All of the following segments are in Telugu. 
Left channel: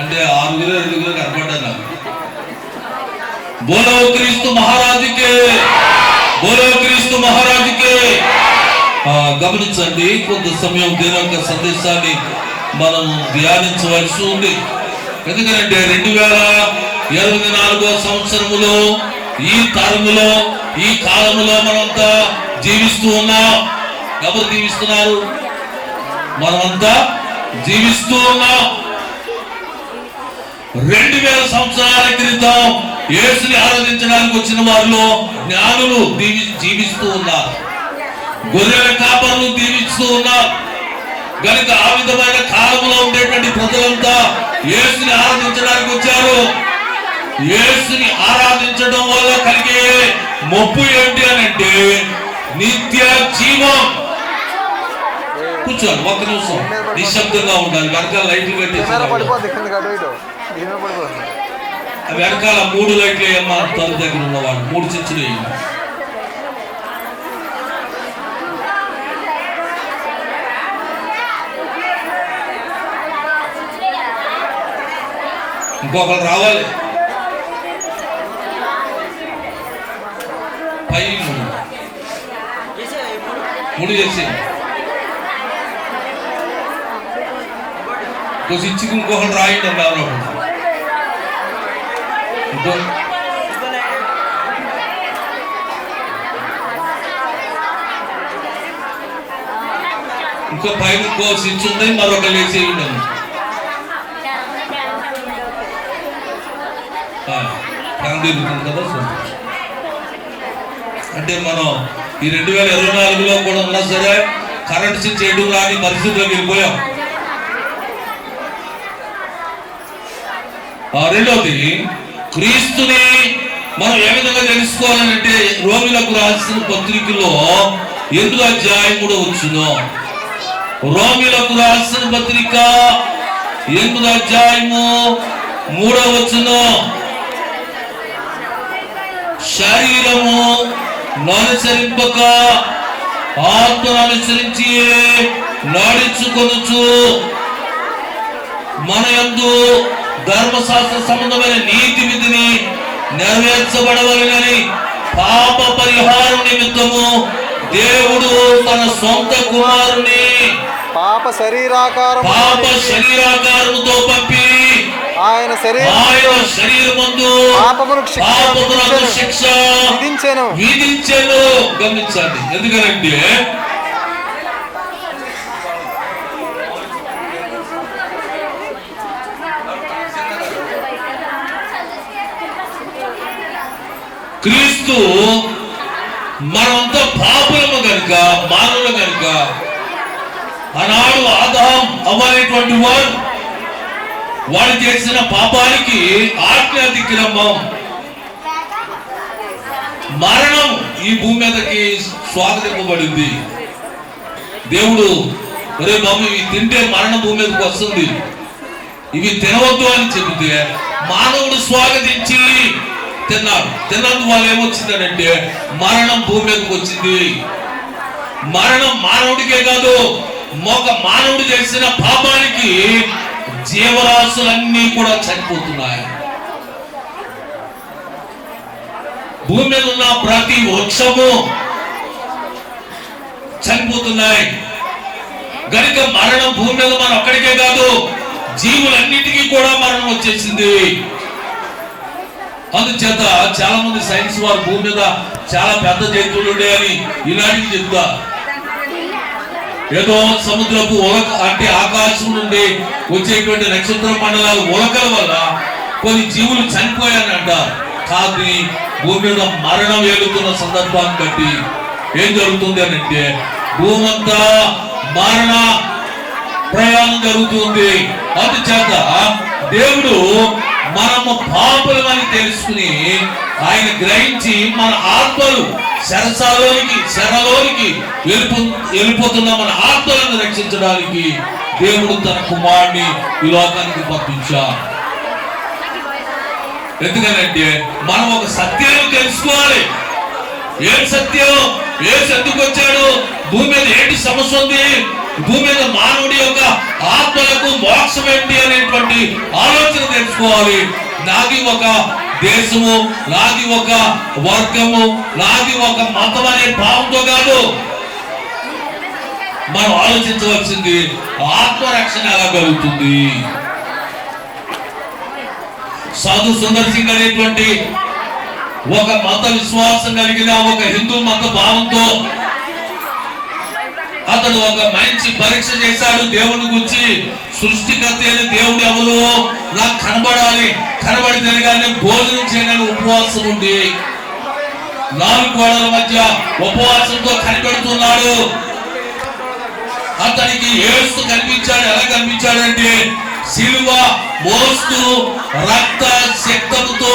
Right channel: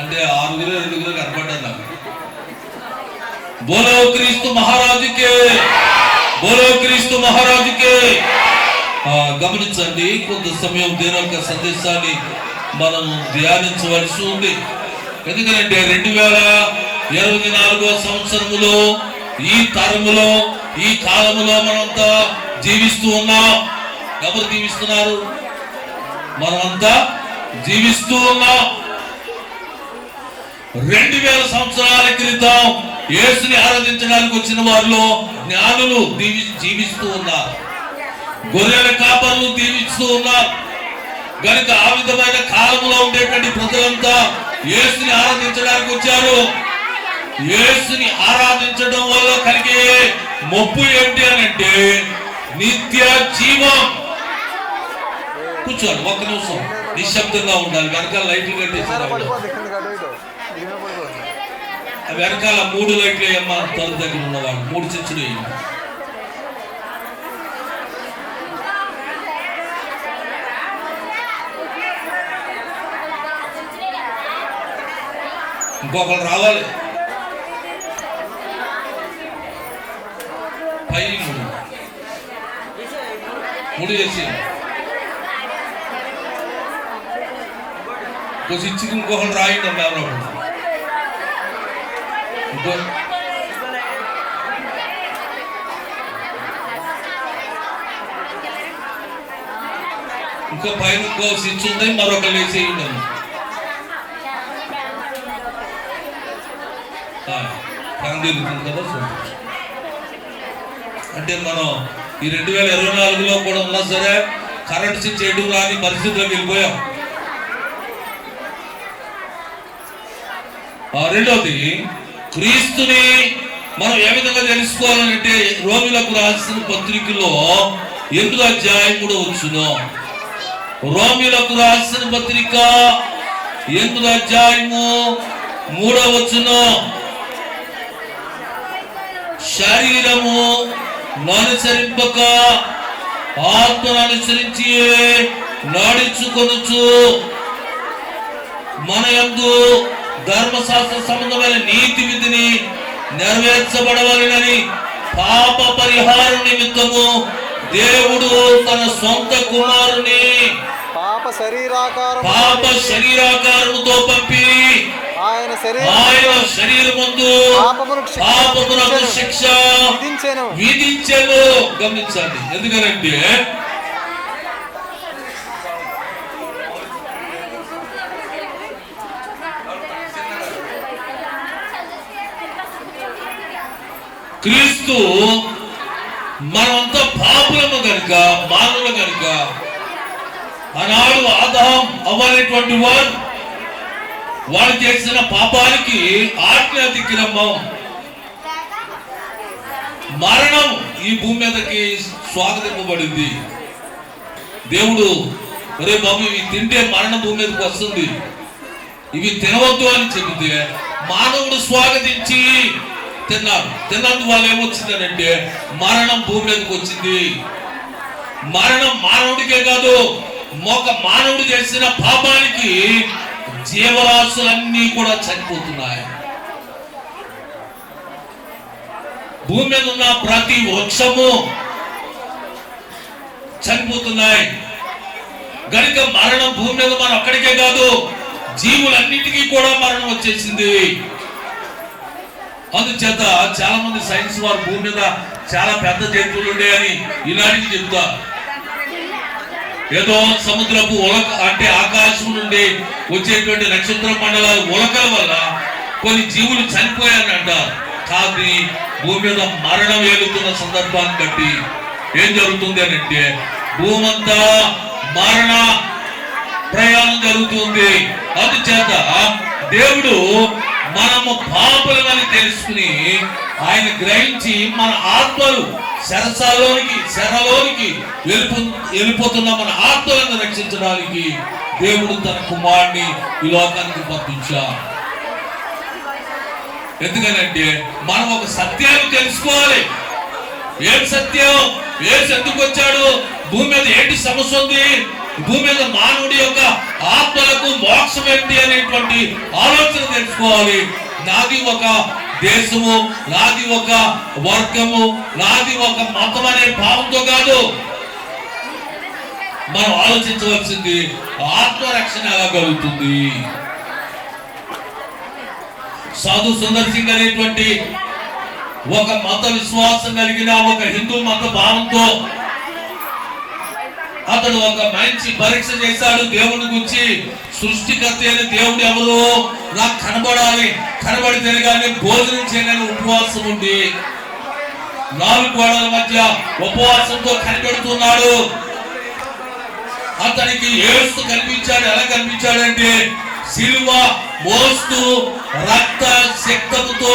అంటే ఆరుగురు ఐదుగురు కనపడ్డారు నాకు. బోలో క్రీస్తు మహారాజుకే బోలో క్రీస్తు మహారాజుకే గమనించండి కొంత సమయం దేని సందేశాన్ని మనం ధ్యానించవలసి ఉంది. ఎందుకంటే రెండు వేల ఇరవై నాలుగో సంవత్సరములో ఈ తరములో ఈ కాలములో మనమంతా జీవిస్తూ ఉన్నాం. ఎవరు జీవిస్తున్నారు? మనమంతా జీవిస్తూ ఉన్నాం. రెండు వేల సంవత్సరాల క్రితం యేసుని ఆరాధించడానికి వచ్చిన వారిలో జ్ఞానులు జీవి జీవిస్తూ ఉన్నారు. గొర్రెల కాపర్లు జీవిస్తూ ఉన్నారు. గనుక ఆ విధమైన కాలంలో ఉండేటువంటి ప్రజలంతా యేసుని ఆరాధించడానికి వచ్చారు. యేసుని ఆరాధించడం వల్ల కలిగే మొప్పు ఏంటి అని అంటే నిత్య జీవం. కూర్చోండి ఒక్క నిమిషం. నిశ్శబ్దంగా ఉండాలి. వెనకాల లైట్లు కట్టేసి వెనకాల మూడు లైట్లు వేయమ్మా తన దగ్గర ఉన్నవాడు మూడు చిచ్చులు ఇంకొకరు రావాలి. పై మూడు. మూడు చేసి. కొంచెం ఇచ్చి ఇంకొకరు రాయండి అమ్మ ఎవరో ఇంకో ఇంకో పైన ఇంకో స్విచ్ ఉంది మరొక లేచి కందిరుతుంది కదా అంటే మనం ఈ రెండు వేల ఇరవై నాలుగులో కూడా ఉన్నా సరే కరెంట్ స్విచ్ ఎటు రాని పరిస్థితిలోకి వెళ్ళిపోయాం. ఆ రెండవది క్రీస్తుని మనం ఏ విధంగా తెలుసుకోవాలంటే రోమిలకు రాసిన పత్రికలో ఎనిమిదో అధ్యాయం కూడా వచ్చును రోమిలకు రాసిన పత్రిక ఎనిమిదో అధ్యాయము మూడో వచ్చును శరీరము ననుసరింపక ఆత్మ అనుసరించి నడుచుకొనుచు మన ఎందు ధర్మశాస్త్ర సంబంధమైన నీతి విధిని నెరవేర్చబడవలనని పాప పరిహారం నిమిత్తము దేవుడు తన సొంత కుమారుని పాప శరీరాకారం పాప శరీరాకారముతో పంపి ఆయన శరీరం ఆయన శరీరమందు పాపమునకు శిక్ష పాపమునకు విధించెను. శిక్ష విధించెను. విధించెను. గమనించండి. ఎందుకనంటే క్రీస్తు మనమంతా పాపులము కనుక మానవులు కనుక ఆనాడు ఆదాం అవ్వనేటువంటి వారు వాడు చేసిన పాపానికి ఆజ్ఞ దిక్కినమ్మం మరణం ఈ భూమి మీదకి స్వాగతింపబడింది. దేవుడు ఒరే బాబు ఇవి తింటే మరణం భూమి మీదకి వస్తుంది. ఇవి తినవద్దు అని చెబితే మానవుడు స్వాగతించి తిన్నారు. తిన్నందువల్ల వాళ్ళు ఏమొచ్చిందనంటే మరణం భూమి మీదకి వచ్చింది. మరణం మానవుడికే కాదు ఒక మానవుడు చేసిన పాపానికి జీవరాశులన్నీ కూడా చనిపోతున్నాయి. భూమి మీద ఉన్న ప్రతి వృక్షము చనిపోతున్నాయి. గనుక మరణం భూమి మీద మనం ఒక్కడికే కాదు జీవులన్నిటికీ కూడా మరణం వచ్చేసింది. అందుచేత చాలా మంది సైన్స్ వారు భూమి మీద చాలా పెద్ద జంతువులు ఉన్నాయని ఈనాటికి చెప్తా. ఏదో సముద్రపు ఉలక అంటే ఆకాశం నుండి వచ్చేటువంటి నక్షత్ర మండలాల ఉలకల వల్ల కొన్ని జీవులు చనిపోయాయని అంటారు. కానీ భూమి మీద మరణం ఏలుతున్న సందర్భాన్ని బట్టి ఏం జరుగుతుంది అని అంటే భూమంతా మరణ ప్రయాణం జరుగుతుంది. అందుచేత దేవుడు మనము పాపులమని తెలుసుకుని ఆయన గ్రహించి మన ఆత్మలు శరసాలోనికి శరలోనికి వెళ్ళిపో వెళ్ళిపోతున్న మన ఆత్మలను రక్షించడానికి దేవుడు తన కుమారుని ఈ లోకానికి పంపించారు ఎందుకనంటే మనం ఒక సత్యాన్ని తెలుసుకోవాలి. ఏం సత్యం? ఏ ఎందుకు వచ్చాడు? భూమి మీద ఏంటి సమస్య ఉంది? భూమి మీద మానవుడి యొక్క ఆత్మలకు మోక్షం ఏంటి అనేటువంటి ఆలోచన తెలుసుకోవాలి నాది ఒక దేశము నాది ఒక వర్గము నాది ఒక మతం అనే భావంతో కాదు. మనం ఆలోచించవలసింది ఆత్మరక్షణ ఎలా కలుగుతుంది? సాధు సుందర్ సింగ్ అనేటువంటి ఒక మత విశ్వాసం కలిగిన ఒక హిందూ మత భావంతో అతడు ఒక మంచి పరీక్ష చేశాడు. దేవుని గురించి సృష్టికర్త దేవుడు ఎవరు? నాకు కనబడాలి. కనబడితే కానీ భోజనం చేయడానికి ఉపవాసం ఉంది. నాలుగు గోడల మధ్య ఉపవాసంతో కనిపెడుతున్నాడు. అతనికి ఏడుస్తూ కనిపించాడు. ఎలా కనిపించాడంటే సిలువ మోస్తూ రక్త శక్తముతో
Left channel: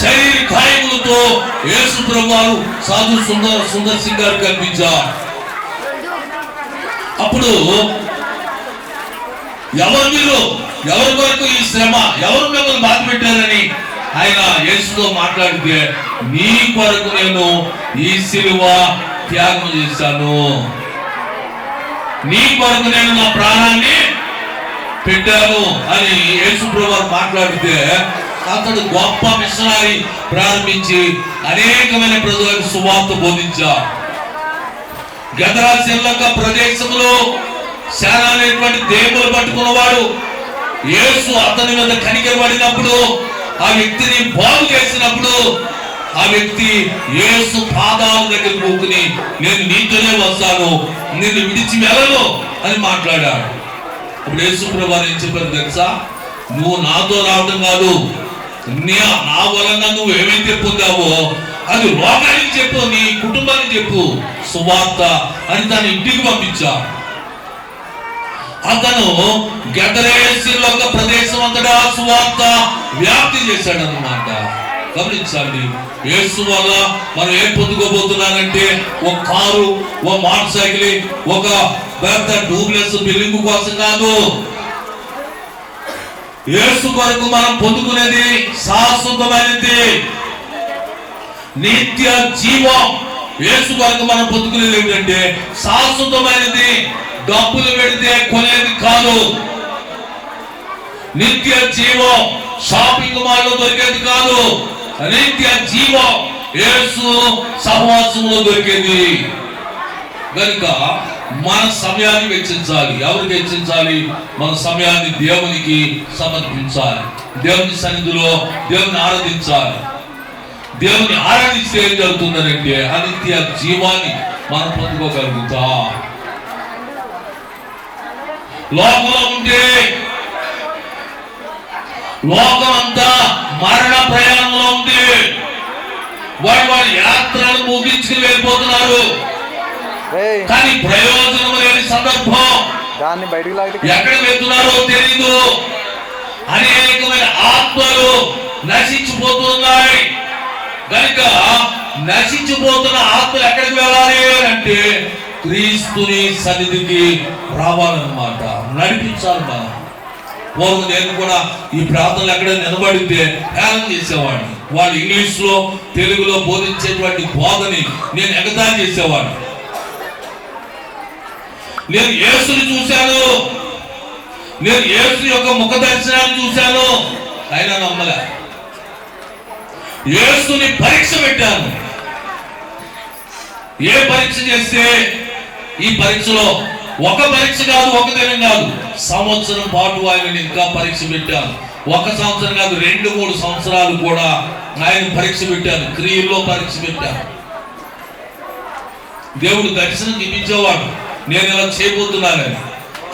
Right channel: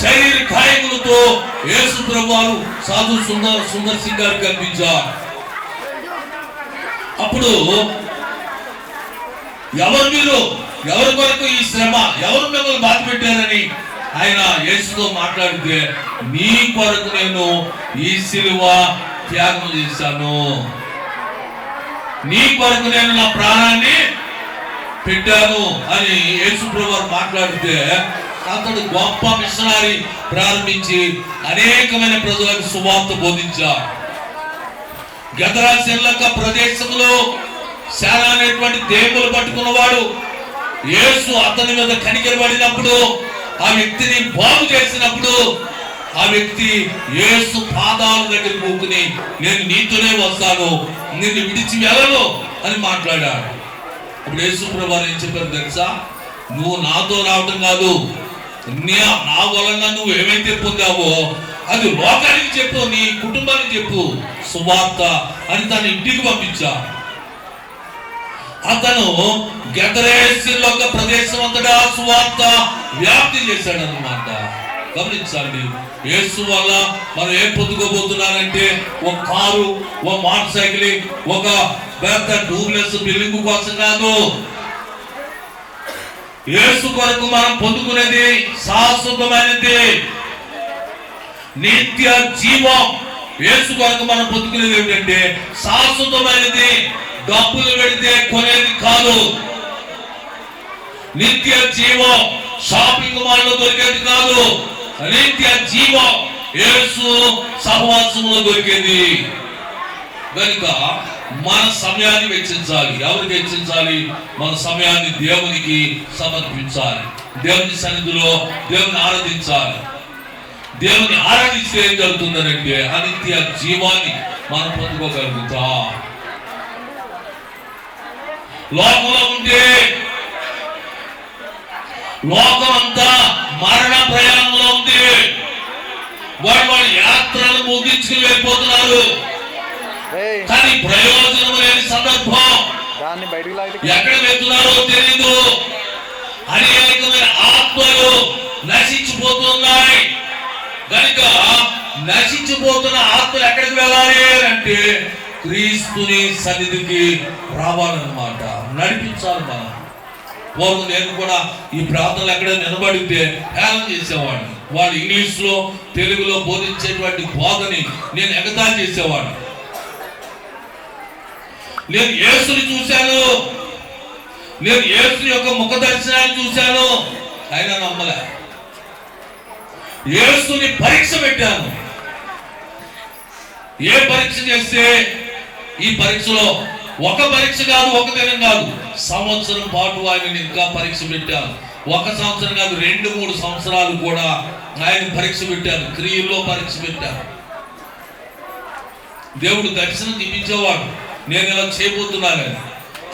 శరీర గాయములతో యేసు ప్రభువారు సాధు సుందర్ సుందర్ సింగ్ గారు కనిపించారు. అప్పుడు ఎవరు మీరు? ఎవరి వరకు ఈ శ్రమ? ఎవరు మిమ్మల్ని బాధ పెట్టారని ఆయన యేసుతో మాట్లాడితే నీ కొరకు నేను ఈ సిలువ త్యాగం చేశాను. నీ కొరకు నేను నా ప్రాణాన్ని పెట్టాను. అని యేసు ప్రభు మాట్లాడితే అతడు గొప్ప మిషనరీ ప్రారంభించి అనేకమైన ప్రజలకు సువార్త బోధించారు గదరాశిల్లక ప్రదేశంలో శానా అనేటువంటి దేవులు పట్టుకున్నవాడు యేసు అతని మీద కనికరబడినప్పుడు ఆ వ్యక్తిని బాగు చేసినప్పుడు ఆ వ్యక్తి యేసు పాదాల దగ్గర కూకుని నేను నీతోనే వస్తాను నేను విడిచి వెళ్ళను అని మాట్లాడాడు. ఇప్పుడు యేసు ప్రభావం ఏం చెప్పారు తెలుసా? నువ్వు నాతో రావడం కాదు నా వలన నువ్వు ఏమైతే పొందావో అది లోకానికి చెప్పు నీ కుటుంబానికి చెప్పు సువార్త అని తన ఇంటికి పంపించా అతను గెదరేసిలో ఒక ప్రదేశం అంతటా సువార్త వ్యాప్తి చేశాడు అనమాట గమనించండి యేసు వల్ల మనం ఏం పొందుకోబోతున్నానంటే ఒక కారు ఒక మోటార్ సైకిల్ ఒక పెద్ద డూబ్లెస్ బిల్డింగ్ కోసం కాదు. యేసు కొరకు మనం పొందుకునేది శాశ్వతమైనది. నిత్య జీవం. యేసు కొరకు మనం పొందుకునేది ఏమిటంటే శాశ్వతమైనది. డబ్బులు పెడితే కొనేది కాదు. నిత్య జీవం షాపింగ్ మాల్ దొరికేది కాదు. నిత్య జీవం ఏసు సహవాసంలో దొరికేది. కనుక మన సమయాన్ని వెచ్చించాలి. ఎవరికి వెచ్చించాలి? మన సమయాన్ని దేవునికి సమర్పించాలి. దేవుని సన్నిధిలో దేవుని ఆరాధించాలి. దేవుని ఆరాధిస్తే ఏం జరుగుతుందనంటే అనిత్య జీవాన్ని మనం పొందుకోగలుగుతాం. లోకంలో ఉంటే లోకం అంతా మరణ ప్రయాణంలో ఉంది. వాడు వాడి యాత్రలు ముగించుకుని వెళ్ళిపోతున్నారు. కానీ ప్రయోజనం లేని సందర్భం. దాన్ని బయటికి లాగితే ఎక్కడ వెళ్తున్నారో తెలియదు అనేకమైన ఆత్మలు నశించిపోతున్నాయి. కనుక నశించిపోతున్న ఆత్మలు ఎక్కడికి వెళ్ళాలి అంటే క్రీస్తుని సన్నిధికి రావాలన్నమాట. నడిపించాలి మనం. పూర్వం నేను కూడా ఈ ప్రార్థనలు ఎక్కడ నిలబడితే హేళన చేసేవాడిని. వాళ్ళు ఇంగ్లీష్లో తెలుగులో బోధించేటువంటి బోధని నేను ఎగతాళి చేసేవాడిని. నేను యేసుని చూశాను. నేను యేసు యొక్క ముఖ దర్శనాన్ని చూశాను. అయినా నమ్మలే. యేసుని పరీక్ష పెట్టాను. ఏ పరీక్ష చేస్తే ఈ పరీక్షలో ఒక పరీక్ష కాదు ఒక దినం కాదు. సంవత్సరం పాటు ఆయన ఇంకా పరీక్ష పెట్టాను. ఒక సంవత్సరం కాదు రెండు మూడు సంవత్సరాలు కూడా ఆయన పరీక్ష పెట్టాను. క్రియల్లో పరీక్ష పెట్టాను. దేవుడు దర్శనం చూపించేవాడు నేను ఇలా చేయబోతున్నానని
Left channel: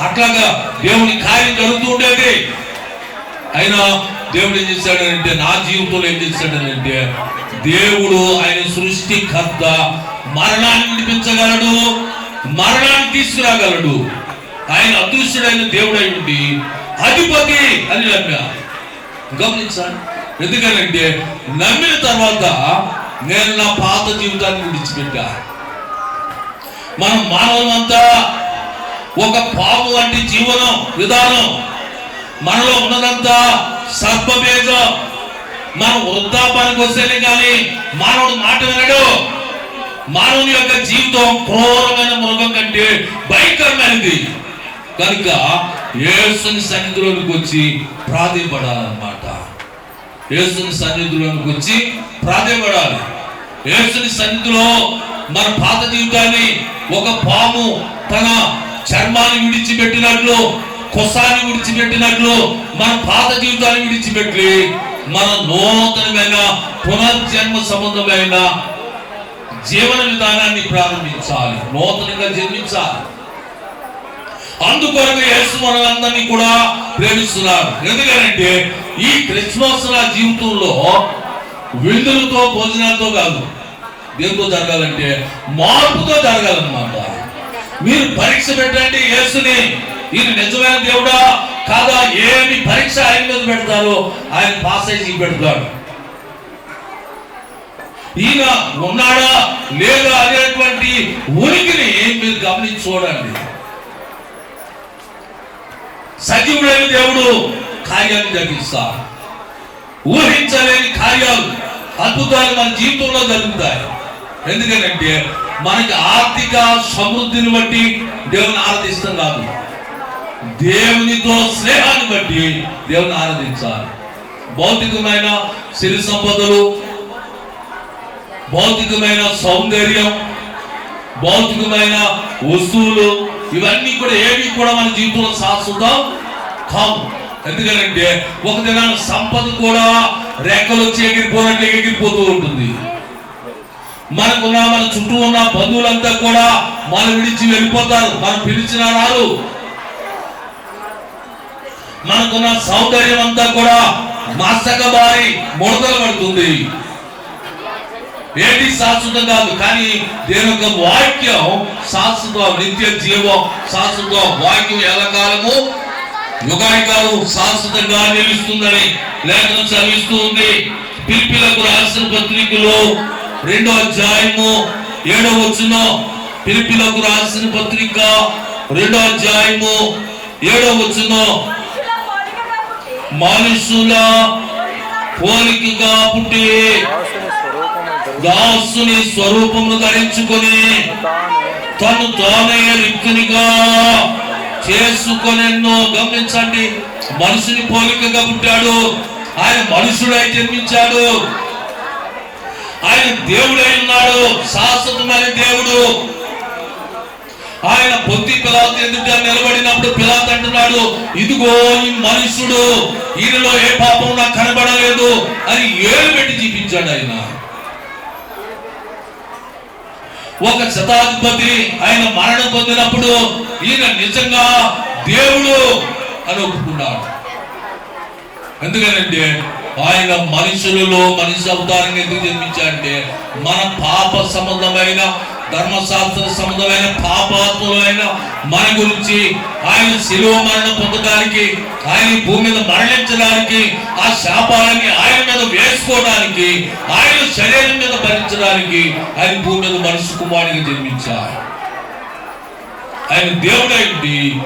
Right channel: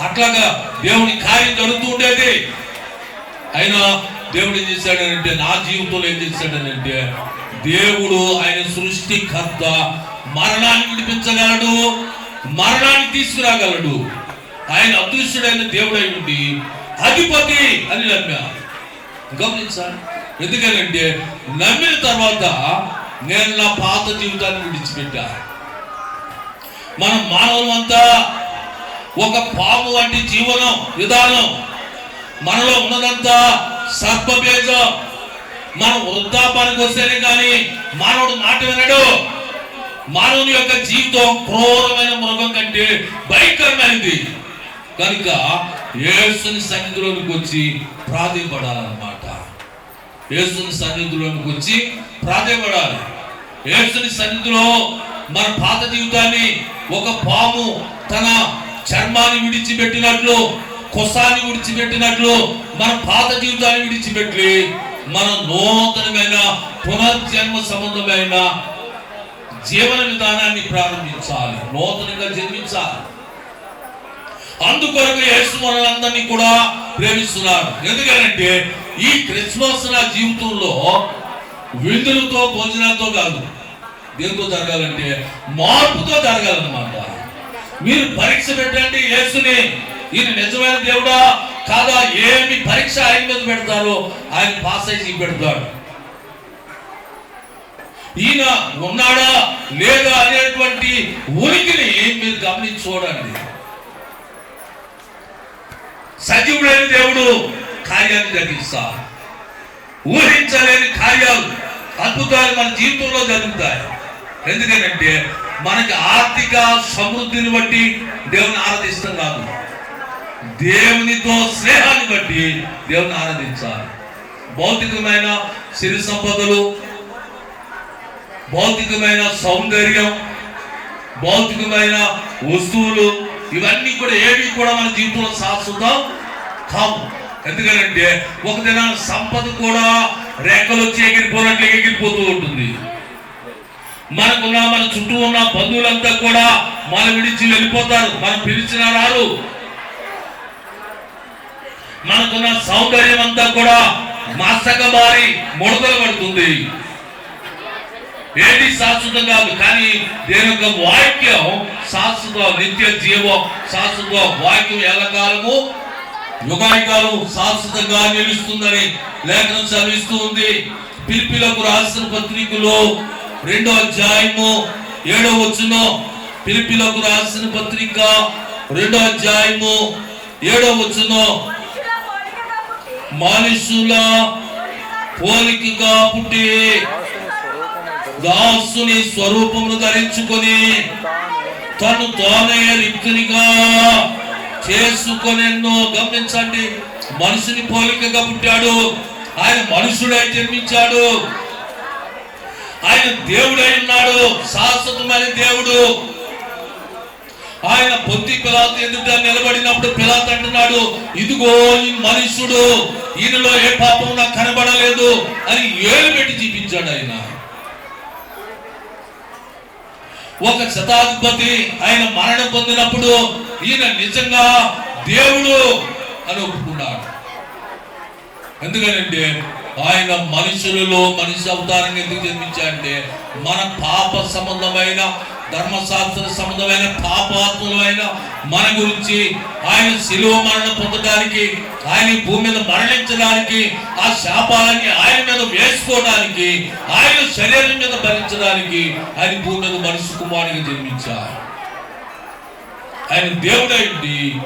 అట్లాగా దేవుని కార్యం జరుగుతూ ఉండేది. అయినా దేవుడు ఏం చేశాడనంటే నా జీవితంలో ఏం చేశాడనంటే దేవుడు ఆయన సృష్టికర్త మరణాన్ని విడిపించగలడు. మరణాన్ని తీసుకురాగలడు. ఆయన అదృశ్యుడైన దేవుడై ఉండి అధిపతి అని నమ్మా గమనించాలి ఎందుకనంటే నమ్మిన తర్వాత నేను నా పాత జీవితాన్ని విడిచిపెట్టా. మనం మానవులంతా ఒక పాము వంటి జీవనం విధానం. మనలో ఉన్నదంతా సర్పభేదం. మనం వృద్ధాపానికి వస్తేనే కానీ మానవుడు మాట వినడు. మానవుని యొక్క జీవితం క్రూరమైన మృగం కంటే భయంకరమైనది. కనుక యేసుని సన్నిధిలోనికి వచ్చి ప్రాధిపడాలన్నమాట యేసుని సన్నిధిలోనికి వచ్చి ప్రాధిపడాలి యేసుని సన్నిధిలో మన పాత జీవితాన్ని ఒక పాము తన చర్మాన్ని విడిచిపెట్టినట్లు కొసాన్ని విడిచిపెట్టినట్లు మన పాత జీవితాన్ని విడిచిపెట్టి మన నూతనమైన పునర్జన్మ సంబంధమైన జీవన విధానాన్ని ప్రారంభించాలి. నూతనంగా జన్మించాలి. అందుకొరకు యేసు మనందరినీ కూడా ప్రేమిస్తున్నారు. ఎందుకంటే ఈ క్రిస్మస్ నా జీవితంలో విందులతో భోజనాలతో కాదు దేంతో జరగాలంటే మార్పుతో జరగాలన్నమాట. మీరు పరీక్ష పెట్టండి యేసుని. ఇది నిజమైన దేవుడా? కాదా? ఏమి పరీక్ష ఆయన మీద పెడతారో ఆయన పాస్ అయి పెడతాడు ఈయన ఉన్నాడా లేదా అనేటువంటి ఉనికిని మీరు గమనించి చూడండి సజీవుడైన దేవుడు కార్యాన్ని జరిగిస్తా ఊహించలేని కార్యాలు అద్భుతాలు మన జీవితంలో జరుగుతాయి. ఎందుకంటే మనకి ఆర్థిక సమృద్ధిని బట్టి దేవుని ఆరాధిస్తున్నాము దేవునితో స్నేహాన్ని బట్టి దేవుని ఆరాధించాలి. భౌతికమైన సిరి సంపదలు భౌతికమైన సౌందర్యం భౌతికమైన వస్తువులు ఇవన్నీ కూడా ఏవి కూడా మన జీవితంలో శాశ్వతం కావు. ఎందుకంటే ఒక దినాన సంపద కూడా రెక్కలు వచ్చి ఎగిరిపోయినట్లు ఎగిరిపోతూ ఉంటుంది. మనకున్న మన చుట్టూ ఉన్న బంధువులంతా కూడా మన విడిచి వెళ్ళిపోతారు. మనం పిలిచిన రారు. మనకున్న సౌందర్యం అంతా కూడా మసక మారి ముడతలు పడుతుంది. ఏది శాశ్వతం కాదు కానీ దేని యొక్క వాక్యం శాశ్వతం నిత్య జీవం శాశ్వతం వాక్యం ఎల్లకాలము యుగానికాలం శాశ్వతంగా నిలుస్తుందని లేఖనం చదివిస్తూ ఉంది. పిలిపిలకు రాసిన పత్రికలో రెండో అధ్యాయము ఏడో వచ్చును పిలిపిలకు రాసిన పత్రిక రెండో అధ్యాయము ఏడో వచ్చును మనుషుల పోలికగా పుట్టి దాసుని స్వరూపము ధరించుకొని తను తానే రిక్తునిగా చేసుకొనెన్నో గమనించండి. మనుషుని పోలికగా పుట్టాడు. ఆయన మనుషుడై జన్మించాడు. ఆయన దేవుడై ఉన్నాడు. శాశ్వతమైన దేవుడు. ఆయన పొత్తి పిలాత ఎదుట నిలబడినప్పుడు పిలాత అంటున్నాడు ఇదిగో ఈ మనుషుడు ఈయనలో ఏ పాపం నాకు కనబడలేదు అని ఏలు పెట్టి చూపించాడు ఆయన. ఒక శతాధిపతి ఆయన మరణం పొందినప్పుడు ఈయన నిజంగా దేవుడు అని ఒప్పుకున్నాడు. ఎందుకనంటే ఆయన మనుషులలో మనిషి అవతారంగా ఎందుకు జన్మించాడంటే మన పాప సంబంధమైన ధర్మశాస్త్ర సంబంధమైన పాపాత్ములైన మన గురించి ఆయన శిలువ మరణం పొందడానికి ఆయన భూమి మీద మరణించడానికి ఆ శాపాలని ఆయన మీద వేసుకోవడానికి ఆయన శరీరం మీద భరించడానికి ఆయన భూమి మీద మనుషు కుమారుని జన్మించారు. ఆయన దేవుడైంది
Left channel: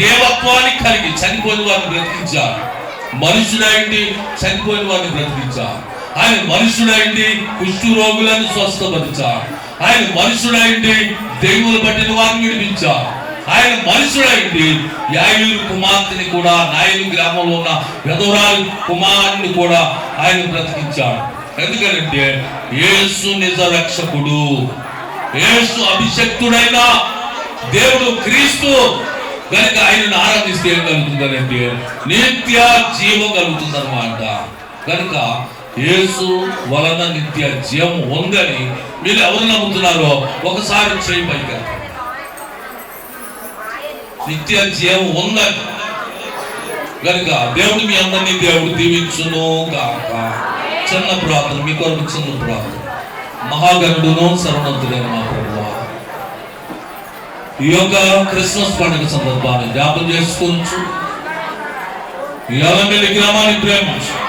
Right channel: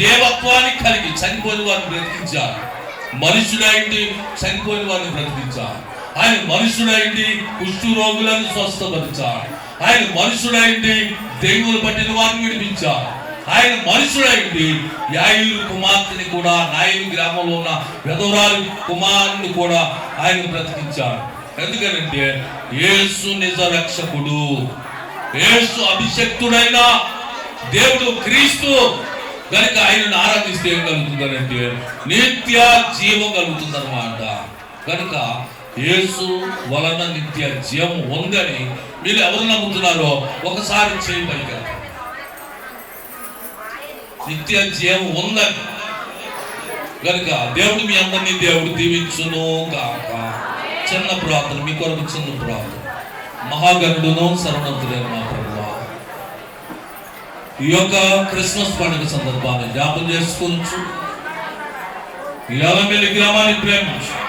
దేవత్వాన్ని కలిగి చనిపోయిన వారిని బ్రతికించారు. మనుషుడైంది చనిపోయిన వారిని బ్రతికించారు. ఆయన మనుషుడైంది కుష్ఠు రోగులను స్వస్థపరిచారు. ఆయన మనుషుడైంది దేవుని పట్టిన వారిని విడిపించారు. ఆయన మనుషుడైంది యాయులు కుమార్తెని కూడా నాయులు గ్రామంలో ఉన్న విధవరాలు కుమారుని కూడా ఆయన బ్రతికించాడు. ఎందుకంటే యేసు నిజ రక్షకుడు. యేసు అభిషక్తుడైన దేవుడు క్రీస్తు. కనుక ఆయనను ఆరాధిస్తే ఏం కలుగుతుందంటే నిత్య జీవం కలుగుతుంది అనమాట కనుక యేసు వలన నిత్య జీవం ఉందని మీరు ఎవరు నమ్ముతున్నారో ఒకసారి చేయి పైకి నిత్య జీవం ఉందని కనుక దేవుడు మీ అందరినీ దేవుడు దీవించును కాక చిన్న ప్రార్థన మీ కొరకు చిన్న ప్రార్థన. మహాగణుడును సర్వనంతుడైన మా ప్రభువా. ఈ యొక్క క్రిస్మస్ పండుగ సందర్భాన్ని జ్ఞాపం చేసుకోవచ్చు ఈ మీ గ్రామాన్ని ప్రేమించు.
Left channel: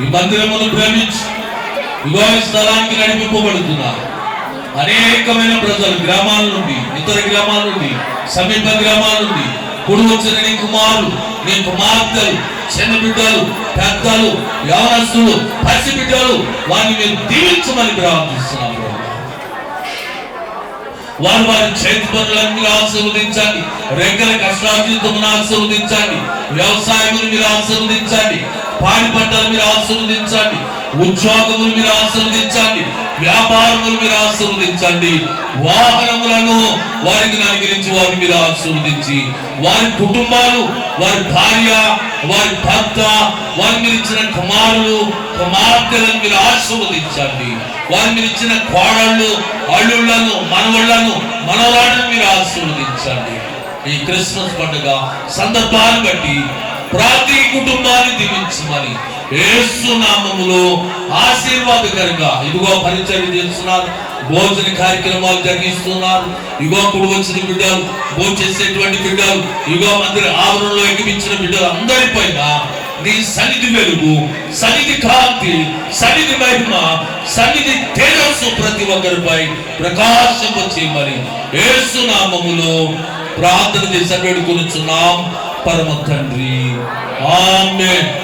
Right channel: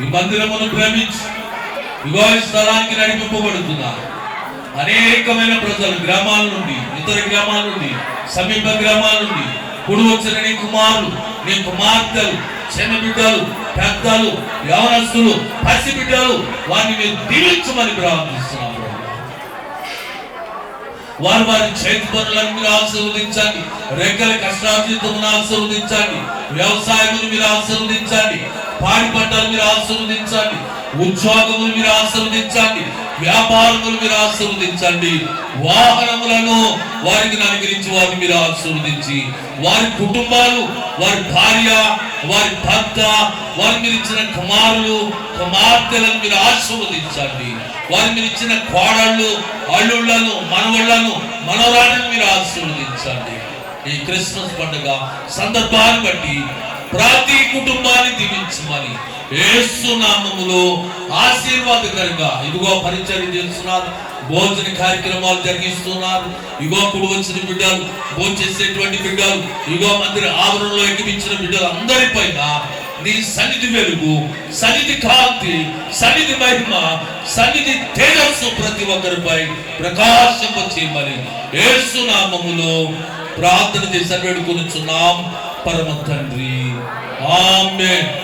ఈ మందిరమును ప్రేమించి ఇగో ఈ స్థలానికి నడిపింపబడుతున్నారు. అనేకమైన ప్రజలు గ్రామాల నుండి ఇతర గ్రామాల నుండి సమీప గ్రామాల నుండి కుడి వచ్చిన నీ కుమారులు నీ కుమార్తెలు చిన్న బిడ్డలు పెద్దలు యవనస్తులు పసి బిడ్డలు వారిని మీరు దీవించమని ప్రార్థిస్తున్నారు వారు వారి చేతి పనులన్నీ ఆశీర్వదించండి. రెక్కల కష్టార్జితమును ఆశీర్వదించండి. వ్యవసాయములు మీరు ఆశీర్వదించండి. పాడి పంటలు మీరు ఆశీర్వదించండి. ఉద్యోగములు మీరు ఆశీర్వదించండి. వ్యాపారములు మీరు ఆశీర్వదించండి వాహనములను వారికి అనుగ్రహించి వారిని మీరు ఆశీర్వదించి వారి కుటుంబాలు వారి భార్య వారి భర్త వారి మీరు ఇచ్చిన కుమారులు కుమార్తెలను మీరు ఆశీర్వదించండి వారి మీరు ఇచ్చిన కోడళ్ళు అల్లుళ్ళను మనవళ్ళను మనవరాళ్ళను మీరు ఆశీర్వదించండి ఈ క్రిస్మస్ పండుగ సందర్భాన్ని బట్టి ప్రతి కుటుంబాన్ని దీవించమని యేసు నామములో ఆశీర్వాదకరంగా ఇదిగో పరిచయం చేస్తున్నారు. భోజన కార్యక్రమాలు జరిగిస్తున్నారు. ఇగో కుడి వచ్చిన బిడ్డలు భోజనం చేసేటువంటి బిడ్డలు ఇగో మందిర ఆవరణలో ఎగిపించిన బిడ్డలు అందరిపైన నీ సన్నిధి వెలుగు సన్నిధి కాంతి సన్నిధి మహిమ సన్నిధి తేజస్సు ప్రతి ఒక్కరిపై ప్రకాశింప చేయమని యేసు ప్రార్థన చేసి వేడుకొనుచున్నాం. పరమ తండ్రి Amen.